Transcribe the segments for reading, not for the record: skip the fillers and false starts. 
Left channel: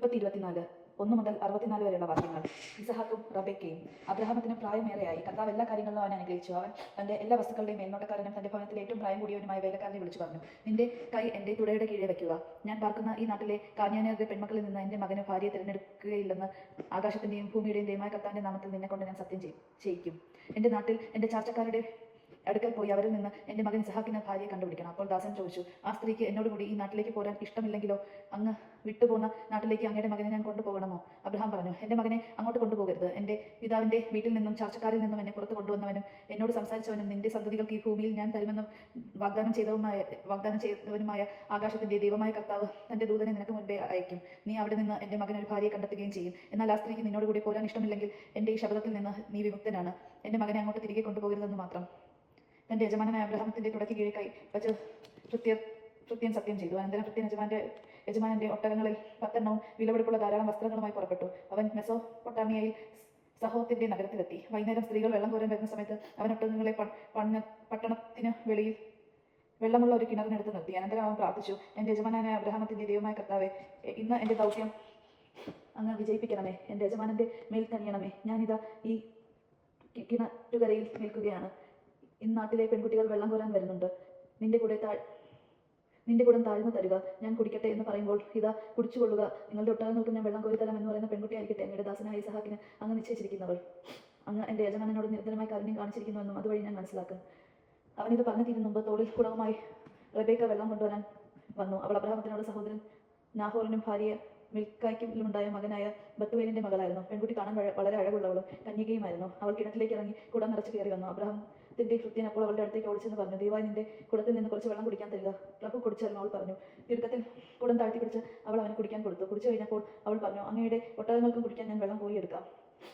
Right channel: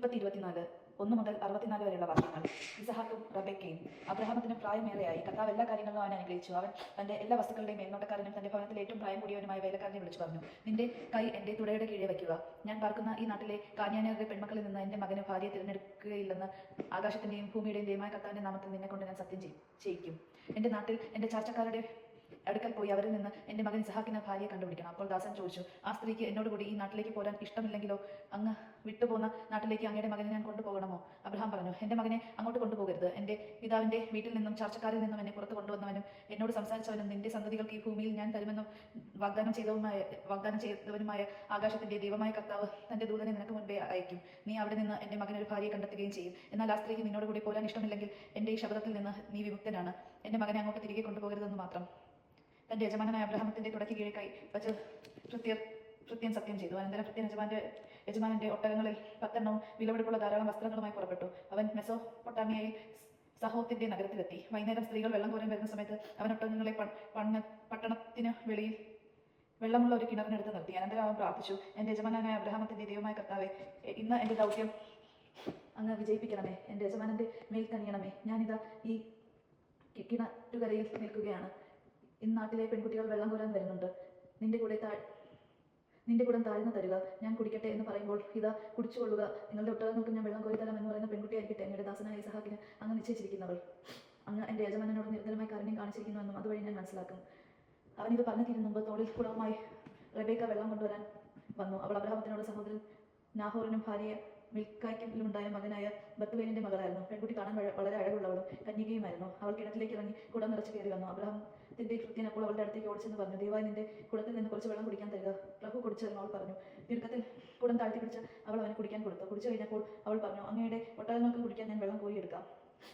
24 1 മുതൽ 64 വരെയുള്ള വാക്യങ്ങൾ. ഇസഹാക്കും റബേക്കയും. അബ്രഹാമത്തിന് പ്രായമേറെയായി. കർത്താവ് എല്ലാ കാര്യങ്ങളിലും അവനെ അനുഗ്രഹിച്ചു. അവൻ തന്റെ എല്ലാ വസ്തുക്കളുടെയും മേൽനോട്ടക്കാരനും തന്റെ ഭവനത്തിൽ ഏറ്റവും പ്രായം കൂടിയവനുമായ വേലക്കാരനെ വിളിച്ചു പറഞ്ഞു, നിന്റെ കൈ എന്റെ തുടയുടെ കീഴെ വയ്ക്കുക. ഞാൻ പാർക്കുന്ന ഈ നാട്ടിലെ കാന്യാന്യരുടെ പെൺമക്കളിൽ നിന്ന് എന്റെ മകന് ഭാര്യയെ തിരഞ്ഞെടുക്കുകയില്ലെന്ന് ആകാശത്തിന്റെയും ഭൂമിയുടെയും ദൈവമായ കർത്താവിന്റെ നാമത്തിൽ നിന്നെ കൊണ്ട് ഞാൻ സത്യം ചെയ്യിക്കും. എന്റെ നാട്ടിൽ എന്റെ ചാർച്ചക്കാരുടെ അടുക്കൽ പോയി അവരിൽ നിന്ന് എന്റെ മകൻ ഇസഹാക്കിന് ഭാര്യയെ കണ്ടുപിടിക്കണം. അപ്പോൾ ദാസൻ ചോദിച്ചു, ആ സ്ത്രീക്ക് എന്നോട് കൂടി ഈ നാട്ടിലേക്ക് പോരാൻ ഇഷ്ടമില്ലെങ്കിലോ? അങ്ങ് വിട്ടുപോകുന്ന നാട്ടിലേക്ക് അങ്ങയുടെ മകനെ ഞാൻ കൊണ്ടുപോകണമോ? അബ്രഹാം പറഞ്ഞു, എന്റെ മകനെ അങ്ങോട്ട് കൊണ്ടുപോകരുത്. എന്റെ പിതാവിന്റെ വീട്ടിൽ നിന്നും ചാർച്ചക്കാരിൽ നിന്നും എന്നെ പുറത്ത് കൊണ്ടുവന്നവനും എന്നോട് സംസാരിച്ചവനും നിന്റെ സന്തതികൾക്ക് ഈ ഭൂമിയിൽ ഞാൻ തരുമെന്നും വാഗ്ദാനം ചെയ്തവനുമായ ആകാശത്തിന്റെ ദൈവമായ കർത്താവ് തന്റെ ദൂതനെ നിനക്ക് മുൻപേ അയക്കും. നീ അവിടെ നിന്ന് എന്റെ മകനൊരു ഭാര്യയെ കണ്ടെത്തുകയും ചെയ്യും. എന്നാൽ ആ സ്ത്രീക്ക് നിന്നോട് കൂടി പോരാൻ ഇഷ്ടമില്ലെങ്കിൽ എന്റെ ഈ ശബ്ദത്തിൽ നിന്ന് നീ വിമുക്തനാണ്. എന്റെ മകനെ അങ്ങോട്ട് തിരികെ കൊണ്ടുപോകരുതെന്ന് മാത്രം. തന്റെ യജമാനായ അബ്രഹാമത്തിന്റെ തുടക്കി കീഴെ കൈ വച്ച് ഭൃത്യൻ സത്യം ചെയ്തു. അനന്തരം ഭൃത്യൻ യജമാനന്റെ ഒട്ടകങ്ങളിൽ 10 വിലപിടിപ്പുള്ള ധാരാളം വസ്ത്രങ്ങളുമായി പുറപ്പെട്ടു. അവൻ മെസോപ്പൊട്ടാമിയയിൽ സഹോത്തിന്റെ നഗരത്തിലെത്തി. വൈകുന്നേരം സ്ത്രീകൾ വെള്ളം കോരാൻ വരുന്ന സമയത്ത് അവൻ ഒട്ടകങ്ങളെ പട്ടണത്തിന് വെളിയിൽ വെള്ളമുള്ള ഒരു കിണറിനടുത്ത് നിർത്തി. അനന്തരം അവൻ പ്രാർത്ഥിച്ചു, എന്റെ യജമാനായ അബ്രഹാമത്തിന്റെ ദൈവമായ കർത്താവേ, ഇന്ന് എന്റെ ദൗത്യം അങ്ങ് വിജയിപ്പിക്കണമേ. എന്റെ യജമാനന്റെ മേൽ കനിയണമേ. ഞാനിതാ ഈ കിണറ്റുകരയിൽ നിൽക്കുകയാണ്. ഇന്ന് നാട്ടിലെ പെൺകുട്ടികൾ വെള്ളം കോരാൻ വരുന്നുണ്ട്. നിന്റെ കൂടെ താഴ്ന്നു തരുക, ഞാൻ കുടിക്കട്ടെ എന്ന് പറയുമ്പോൾ ഇതാ കുടിച്ചുകൊള്ളുക. നിങ്ങളുടെ ഒട്ടകങ്ങൾക്ക് ഞാൻ വെള്ളം കോരി തരാം എന്ന് പറയുന്ന പെൺകുട്ടിയായിരിക്കട്ടെ അങ്ങയുടെ ദാസനായ ഇസഹാക്കിന് അങ്ങ് നിശ്ചയിച്ചിരിക്കുന്നവൾ. അങ്ങ് എന്റെ യജമാനനോട് നിരന്തരമായി കാരുണ്യം കാണിച്ചിരിക്കുന്നുവെന്നും അതുവഴി ഞാൻ മനസ്സിലാക്കും. അവനിത് പറഞ്ഞു തീരും മുമ്പ് തോളിൽ കുളവുമായി റബേക്ക വെള്ളം കൊണ്ടുവരാൻ വന്നു. അവൾ അബ്രഹാമത്തിനോട് സഹോദരൻ നാഹോറിനും ഭാര്യ മിൽക്കായ്ക്കുണ്ടായ മകനായ ബത്തുവേലിന്റെ മകളായിരുന്നു. പെൺകുട്ടി കാണാൻ വളരെ അഴകുള്ളവളും കന്യകയുമായിരുന്നു. അവൾ കിണറ്റിലേക്ക് ഇറങ്ങി കുടം നിറച്ച് കയറി വന്നു. അബ്രഹാമത്തിന്റെ ഭൃത്യൻ അപ്പോൾ അവളുടെ അടുത്തേക്ക് ഓടിച്ചെന്ന് പറഞ്ഞു, ദയവായി നിന്റെ കുടത്തിൽ നിന്ന് കുറച്ച് വെള്ളം കുടിക്കാൻ തരിക. പ്രഭു കുടിച്ചാലും അവൾ പറഞ്ഞു. തിടുക്കത്തിൽ കുടം താഴ്ത്തി പിടിച്ച് അവൾ അവന് കുടിക്കാൻ കൊടുത്തു. കുടിച്ചു കഴിഞ്ഞപ്പോൾ അവൾ പറഞ്ഞു, അങ്ങയുടെ ഒട്ടകങ്ങൾക്ക് കുടിക്കാൻ ഞാൻ വെള്ളം കോരിയെടുക്കാം.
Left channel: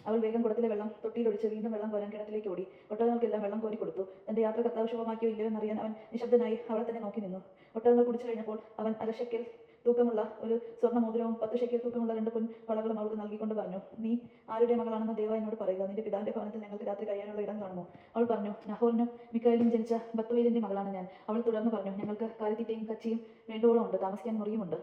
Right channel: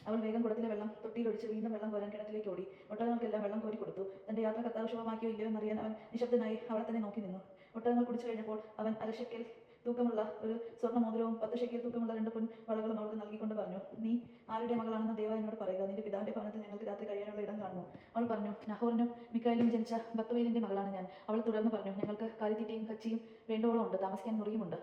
അവൾ വേഗം കുടത്തിലെ വെള്ളം തൊട്ടിയിലൊഴിച്ച് വീണ്ടും വെള്ളം കോരാൻ കിണറ്റിലേക്ക് ഓടി. ഒട്ടകങ്ങൾക്കെല്ലാം വെള്ളം കോരി കൊടുത്തു. തന്റെ യാത്ര കർത്താവ് ശുഭമാക്കിയോ ഇല്ലയോ എന്നറിയാൻ അവൻ നിശബ്ദനായി അവളെ തന്നെ നോക്കി നിന്നു. ഒട്ടകങ്ങൾ കുടിച്ചു കഴിഞ്ഞപ്പോൾ അവൻ അരശക്കിൽ തൂക്കമുള്ള ഒരു സ്വർണ്ണ മോതിരവും 10 ശെക്കൽ തൂക്കമുള്ള 2 പൊൻ വളകളും അവൾക്ക് നൽകിക്കൊണ്ട് പറഞ്ഞു, നീ ആരുടെ മകളാണെന്ന് ദയവായി എന്നോട് പറയുക. നിന്റെ പിതാവിന്റെ ഭവനത്തിൽ ഞങ്ങൾക്ക് രാത്രി കഴിയാനുള്ള ഇടം കാണുമോ? അവൾ പറഞ്ഞു, നഹോറിനും മിക്കായലിനും ജനിച്ച ബത്തുവേലിന്റെ മകളാണ് ഞാൻ. അവൾ തുടർന്ന് പറഞ്ഞു, ഞങ്ങൾക്ക് കാലിത്തീറ്റയും കച്ചിയും വേണ്ടുവോളം ഉണ്ട്, താമസിക്കാൻ മുറിയുമുണ്ട്.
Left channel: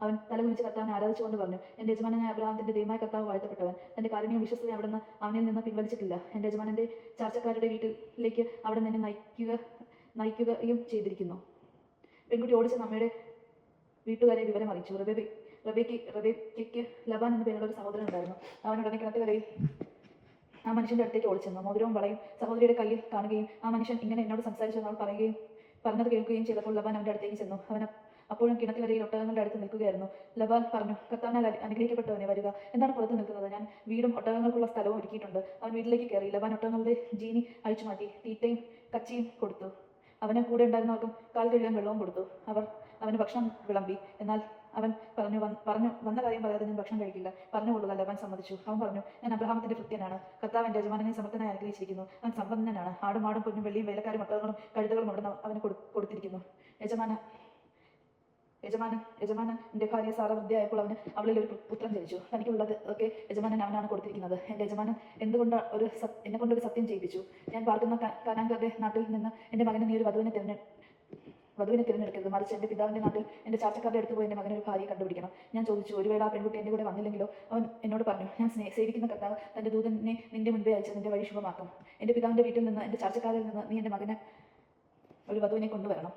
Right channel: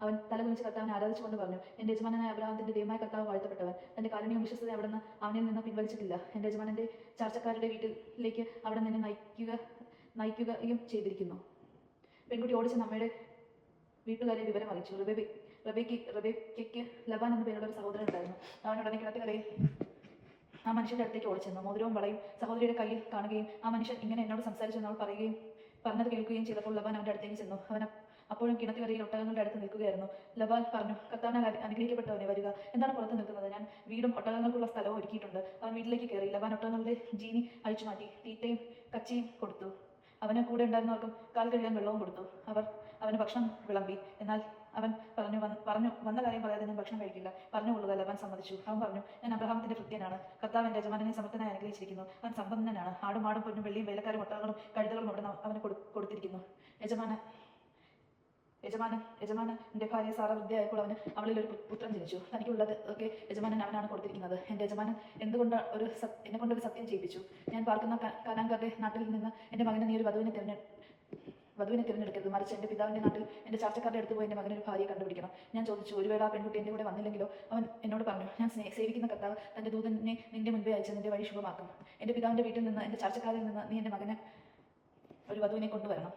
അവൻ തലകുനിച്ച് കർത്താവിനെ ആരാധിച്ചുകൊണ്ട് പറഞ്ഞു, എന്റെ യജമാനായ അബ്രഹാമത്തിന്റെ ദൈവമായ കർത്താവ് വാഴ്ത്തപ്പെട്ടവൻ. തന്റെ കാരുണ്യം വിശ്വസ്തത അവിടുന്ന് അവനിൽ നിന്ന് പിൻവലിച്ചിട്ടില്ല. എന്റെ യജമാനന്റെ ചാർച്ചക്കാരുടെ വീട്ടിലേക്ക് അവിടെ നിന്ന് നയിക്കുകയും ചെയ്തിരിക്കുന്നു. പെൺകുട്ടി ഓടിച്ച നമ്മയുടെ വീട്ടുകാരെ വിവരം അറിയിച്ചു. റബേക്കയ്ക്ക് ലബാൻ എന്ന പേരുള്ള ഒരു സഹോദരൻ ഉണ്ടായിരുന്നു. അവൻ ഉടനെ കിണറ്റുകരയിൽ ആ മനുഷ്യന്റെ അടുത്തേക്ക് ഓടിച്ചെന്നു. മോതിരവും വളയും സഹോദരിയുടെ കയ്യിൽ കാണുകയും ആ മനുഷ്യൻ ഇങ്ങനെ എന്നോട് സംസാരിച്ചു അവൾ പറഞ്ഞത് കേൾക്കുകയും ചെയ്തപ്പോൾ ലബാൻ അവന്റെ അടുത്തേക്ക് ചെന്നു. അവൻ അപ്പോഴും കിണറ്റുകരയിൽ ഒട്ടകങ്ങളുടെ അടുത്ത് നിൽക്കുകയായിരുന്നു. ലബാൻ പറഞ്ഞു, കർത്താവിനാൽ അനുഗ്രഹിക്കപ്പെട്ടവനെ വരിക. എന്താണ് പുറത്ത് നിൽക്കുന്നത്? ഞാൻ വീടും ഒട്ടകങ്ങൾക്കുള്ള സ്ഥലവും ഒരുക്കിയിട്ടുണ്ട്. അവൻ വീട്ടിലേക്ക് കയറി. ലബാൻ ഒട്ടകങ്ങളുടെ ജീനി അഴിച്ചു മാറ്റി തീറ്റയും കച്ചിയും കൊടുത്തു. അവന് കൂടെ ഉണ്ടായിരുന്നവർക്കും കാൽ കഴുകാൻ വെള്ളവും കൊടുത്തു. അവന് ഭക്ഷണം വിളമ്പി. എന്നാൽ അവൻ പറഞ്ഞു വന്ന കാര്യം പറയാതെ ഞാൻ ഭക്ഷണം കഴിക്കില്ല. പറഞ്ഞുകൊള്ളുക. ലബാൻ സമ്മതിച്ചു. അവൻ പറഞ്ഞു, ഞാൻ അബ്രഹാമത്തിന്റെ ഭൃത്യനാണ്. കർത്താവ് എന്റെ യജമാനനെ സമർത്ഥനായി അനുഗ്രഹിച്ചിരിക്കുന്നു. അവൻ സമ്പന്നനാണ്. ആടും മാടും പൊന്നും വെള്ളിയും വേലക്കാരും ഒട്ടകങ്ങളും കഴുതകളും അവിടെ അവന് കൊടുത്തിരിക്കുന്നു. യജമാനന്റെ ഭാര്യ സാറ വൃദ്ധയായപ്പോൾ അവളിൽ ഒരു പുത്രൻ ജനിച്ചു. തനിക്കുള്ളത് ഒക്കെ യജമാനൻ അവനാണ് കൊടുത്തിരിക്കുന്നത്. എന്റെ യജമാനൻ എന്നെ കൊണ്ടൊരു സത്യം ചെയ്യിപ്പിച്ചു. ഞാൻ പാർക്കുന്ന കാനാൻകാരുടെ നാട്ടിൽ നിന്ന് എന്റെ മകനെ നീ ഒരു വധുവിനെ തിരഞ്ഞെടുക്കരുത്, മറിച്ച് എന്റെ പിതാവിന്റെ നാട്ടിൽ എന്റെ ചാർച്ചക്കാരുടെ അടുത്ത് പോയി എന്റെ മകനൊരു ഭാര്യയെ കണ്ടുപിടിക്കണം. ഞാൻ ചോദിച്ചു, ഒരു വേള ആ പെൺകുട്ടി എന്റെ കൂടെ വന്നില്ലെങ്കിലോ? അവൻ എന്നോട് പറഞ്ഞു, ഞാൻ സേവിക്കുന്ന കർത്താവ് തന്റെ ദൂതനെ നിന്റെ മുൻപേ അയച്ച് നിന്റെ വഴി ശുഭമാക്കും. എന്റെ പിതാവിന്റെ വീട്ടിൽ നിന്ന് എന്റെ ചാർച്ചക്കാരിൽ നിന്ന് നീ എന്റെ മകന് ഒരു വധുവിനെ കൊണ്ടുവരണം.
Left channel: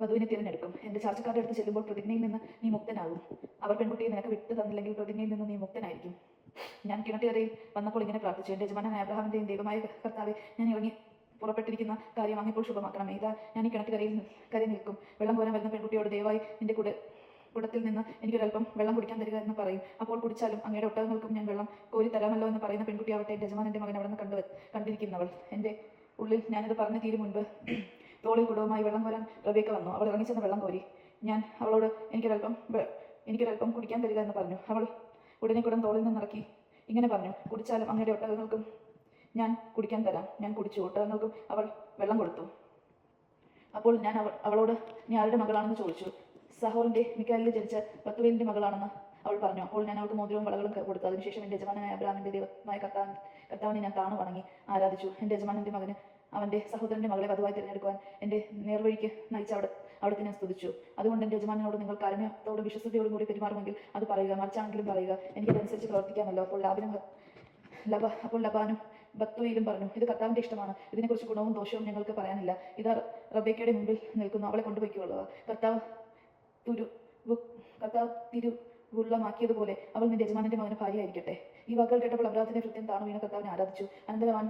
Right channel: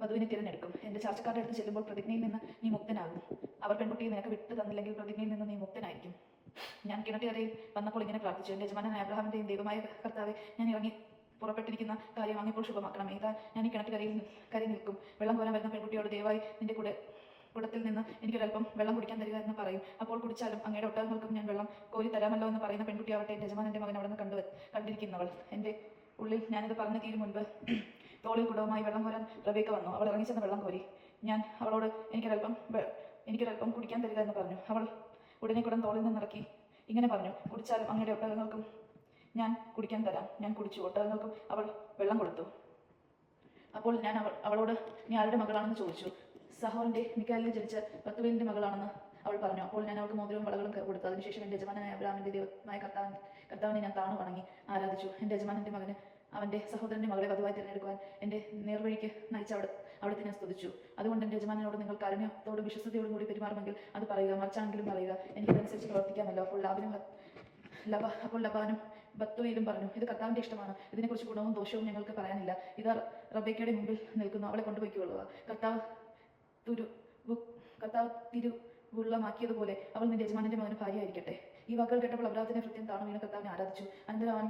വധുവിനെ തിരഞ്ഞെടുക്കും. എന്റെ ചാർച്ചക്കാരുടെ അടുത്ത് ചെല്ലുമ്പോൾ പ്രതിജ്ഞയിൽ നിന്ന് നീ മുക്തനാകും. അവർ പെൺകുട്ടിയെ നിനക്ക് വിട്ടു തന്നില്ലെങ്കിൽ പ്രതിജ്ഞയിൽ നിന്ന് നീ മുക്തനായിരിക്കും. ഞാൻ കിണറ്റുകരയിൽ വന്നപ്പോൾ ഇങ്ങനെ പ്രാർത്ഥിച്ചു, എന്റെ യജമാനായ അബ്രഹാമിന്റെയും ദൈവമായ കർത്താവെ, ഞാൻ ഇറങ്ങി പുറപ്പെട്ടിരിക്കുന്ന കാര്യം അങ്ങിപ്പോൾ ശുഭമാക്കണമേ. ഇതാ ഞാൻ ഈ കിണറ്റുകരയിൽ നിൽക്കും. വെള്ളം കോരാൻ വരുന്ന പെൺകുട്ടിയോട് ദയവായി നിന്റെ കുടത്തിൽ നിന്ന് എനിക്കൊരൽപ്പം വെള്ളം കുടിക്കാൻ തരിക എന്ന് പറയും. അപ്പോൾ കുടിച്ചാലും അങ്ങയുടെ ഒട്ടകങ്ങൾക്കും ഞാൻ വെള്ളം കോരി തരാമല്ലോ എന്ന് പറയുന്ന പെൺകുട്ടിയാവട്ടെ എന്റെ യജമാനന്റെ മകൻ അവിടെ നിന്ന് കണ്ടിരിക്കുന്നവൾ. എന്റെ ഉള്ളിൽ ഞാനത് പറഞ്ഞു തീരും മുൻപ് തോളിൽ കുടവുമായി വെള്ളം കോരാൻ റബേക്ക വന്നു. അവൾ ഇറങ്ങിച്ചെന്ന് വെള്ളം കോരി. ഞാൻ അവളോട് എനിക്കൊരൽപ്പം കുടിക്കാൻ തരിക എന്ന് പറഞ്ഞു. അവൾ ഉടനെ കുടം തോളിൽ നിന്നിറക്കി ഇങ്ങനെ പറഞ്ഞു, കുടിച്ചാലും അങ്ങയുടെ ഒട്ടകങ്ങൾക്കും ഞാൻ കുടിക്കാൻ തരാം. ഞാൻ കുടിച്ചു. ഒട്ടകങ്ങൾക്കും അവൾ വെള്ളം കൊടുത്തു. അപ്പോൾ ഞാൻ അവളോട് നീ ആരുടെ മകളാണെന്ന് ചോദിച്ചു. സഹോറിന്റെ മിക്കാലിൽ ജനിച്ച ബത്തുവേലിന്റെ മകളാണെന്ന് അവൾ പറഞ്ഞു. അപ്പോൾ ഞാൻ അവൾക്ക് മോതിരവും വളകളും കൊടുത്തു. അതിനുശേഷം എന്റെ യജമാനായ അബ്രഹാമിന്റെ ദൈവമായ കർത്താവിനെ ഞാൻ താണു വണങ്ങി ആരാധിച്ചു. എന്റെ യജമാനന്റെ മകന് അവന്റെ സഹോദരന്റെ മകളെ വധുവായി തിരഞ്ഞെടുക്കുവാൻ എന്റെ നേർവഴിക്ക് നയിച്ച അവിടുത്തെ ഞാൻ സ്തുതിച്ചു. അതുകൊണ്ട് എൻ്റെ യജമാനോട് നിങ്ങൾ കാരുണ്യത്തോടും വിശ്വസ്തയോടും കൂടി പെരുമാറുമെങ്കിൽ അത് പറയുക, മറിച്ചാണെങ്കിലും പറയുക, എനിക്കതനുസരിച്ച് പ്രവർത്തിക്കാമല്ലോ. അപ്പോൾ ലബാനും ബത്തുയിലും പറഞ്ഞു, ഇത് കർത്താവിൻ്റെ ഇഷ്ടമാണ്, ഇതിനെക്കുറിച്ച് ഗുണവും ദോഷവും ഞങ്ങൾക്ക് പറയാനില്ല. ഇത് റബേക്കയുടെ മുമ്പിൽ നിൽക്കുന്നു, അവളെ കൊണ്ടുപോയിക്കൊള്ളുക. കർത്താവ് തിരുവുള്ളമാക്കിയതുപോലെ അവൾ നിന്റെ യജമാനന്റെ മകന് ഭാര്യയായിരിക്കട്ടെ. ഈ വാക്കുകൾ കേട്ടപ്പോൾ അബ്രാഹത്തിന്റെ ഭൃത്യൻ താണു വീണ് കർത്താവിനെ ആരാധിച്ചു. അനന്തരം അവൻ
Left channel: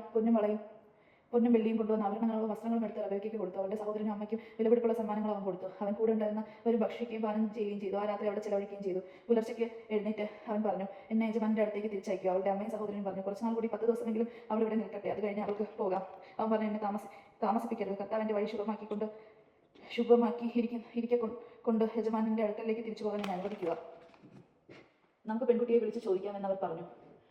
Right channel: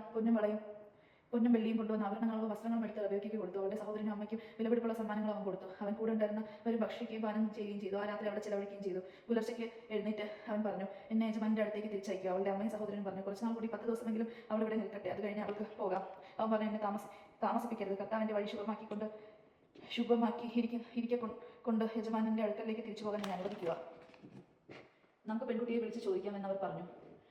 പൊന്നും വെള്ളിയും കൊണ്ടുവന്ന ആഭരണങ്ങളും വസ്ത്രങ്ങളും എടുത്ത് റബേക്കയ്ക്ക് കൊടുത്തു. അവളുടെ സഹോദരനും അമ്മയ്ക്കും വിലപിടിപ്പുള്ള സമ്മാനങ്ങൾ അവൻ കൊടുത്തു. അവൻ കൂടെ ഉണ്ടായിരുന്നവരും ഭക്ഷിക്കുകയും പാനം ചെയ്യുകയും ചെയ്തു. ആ രാത്രി അവിടെ ചിലവഴിക്കുകയും ചെയ്തു. പുലർച്ചയ്ക്ക് എഴുന്നേറ്റ് അവൻ പറഞ്ഞു, എന്നെ യജമാനന്റെ അടുത്തേക്ക് തിരിച്ചയക്കുക. അവളുടെ അമ്മയും സഹോദരനും പറഞ്ഞു, കുറച്ചുനാൾ കൂടി 10 ദിവസമെങ്കിലും അവൾ ഇവിടെ നിൽക്കട്ടെ, അത് കഴിഞ്ഞ് അവൾക്ക് പോകാം. അവൻ പറഞ്ഞു, എന്നെ താമസിപ്പിക്കരുത്. കർത്താവിന്റെ വഴി ശുഭമാക്കി യജമാനന്റെ അടുക്കലേക്ക് തിരിച്ചു പോകാൻ എന്നെ അനുവദിക്കുക. നമുക്ക് പെൺകുട്ടിയെ വിളിച്ച് ചോദിക്കാമെന്ന് അവർ പറഞ്ഞു.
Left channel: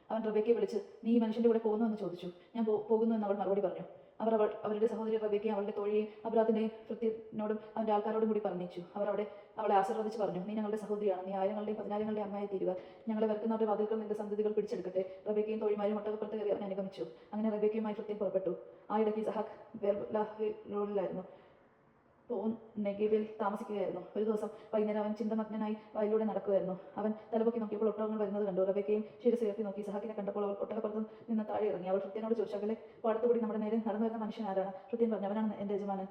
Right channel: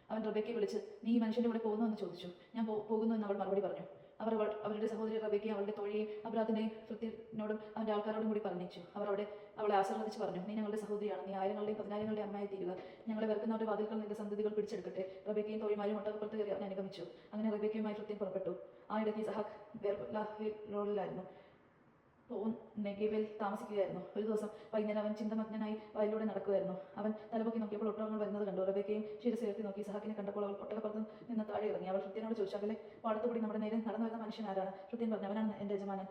അവൻ റബേക്കയെ വിളിച്ച്, നീ ഈ മനുഷ്യന്റെ കൂടെ പോകുന്നു എന്ന് ചോദിച്ചു. ഞാൻ പോകുന്നു എന്ന് അവൾ മറുപടി പറഞ്ഞു. അവരുടെ സഹോദരി റബേക്കയും അവളുടെ തോഴിയെയും അബ്രാഹത്തിന്റെയും ഭൃത്യനോടും അവന്റെ ആൾക്കാരോടും കൂടി പറഞ്ഞിച്ചു. അവളെ ആശീർവദിച്ച് പറഞ്ഞു, നീ ഞങ്ങളുടെ സഹോദരിയാണ്, നീ ആയിരങ്ങളുടെയും 10,000ങ്ങളുടെയും അമ്മയായി തീരുക. ഞങ്ങളെ വെറുക്കുന്നവരുടെ വാതിൽക്കൽ നിന്റെ സന്തതികൾ പിടിച്ചെടുക്കട്ടെ. റബേക്കയും തോഴിമാരും ഒട്ടകപ്പുറത്ത് കയറി അവനെ അനുഗമിച്ചു. അങ്ങനെ റബേക്കയുമായി ഭൃത്യൻ പുറപ്പെട്ടു. ആ ഇടയ്ക്ക് ഇസഹാക്ക് ബേർലാഹിലായിരുന്നു, നെഗേവിൽ താമസിക്കുകയായിരുന്നു. ഒരു ദിവസം വൈകുന്നേരം അവൻ ചിന്തമഗ്നനായി വയലിലൂടെ നടക്കുകയായിരുന്നു. അവൻ തലപൊക്കി നോക്കിയപ്പോൾ ഒട്ടകങ്ങൾ വരുന്നത് കണ്ടു. റബേക്കയും ശിരസുയർത്തി നോക്കി. ഇസഹാക്കിനെ കണ്ടപ്പോൾ അവൾ ഒട്ടകപ്പുറത്ത് നിന്ന് താഴെ ഇറങ്ങി. അവൾ ഭൃത്യനോട് ചോദിച്ചു, അവലെ പാടത്തുകൂടി നമ്മുടെ നേരെ നടന്നു വരുന്ന മനുഷ്യൻ ആരാണ്? ഭൃത്യൻ പറഞ്ഞു, അവനാണ് എൻ്റെ യജമാനൻ.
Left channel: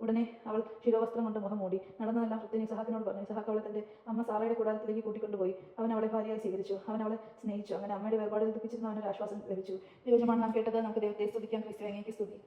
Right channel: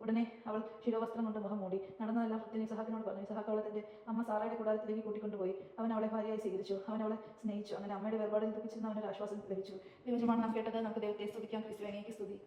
ഉടനെ അവൾ ശിരോവസ്ത്രം കൊണ്ട് മുഖം മൂടി. നടന്നതെല്ലാം ഭൃത്യൻ ഇസഹാക്കിനോട് പറഞ്ഞു. ഇസഹാക്ക് അവളെ തന്റെ അമ്മ സാറയുടെ കൂടാരത്തിലേക്ക് കൂട്ടിക്കൊണ്ടുപോയി. അവൻ അവളെ ഭാര്യയായി സ്വീകരിച്ചു. അവൻ അവളെ സ്നേഹിച്ചു. അങ്ങനെ അമ്മയുടെ വേർപാടിൽ ദുഃഖിച്ചിരുന്ന അവനൊരു ആശ്വാസം ലഭിച്ചു. ദൈവജനമാണ് നാം കേട്ടത്. നമുക്ക് ദൈവത്തെ സ്തുതിക്കാം. ക്രിസ്തുവിനെ സ്തുതി.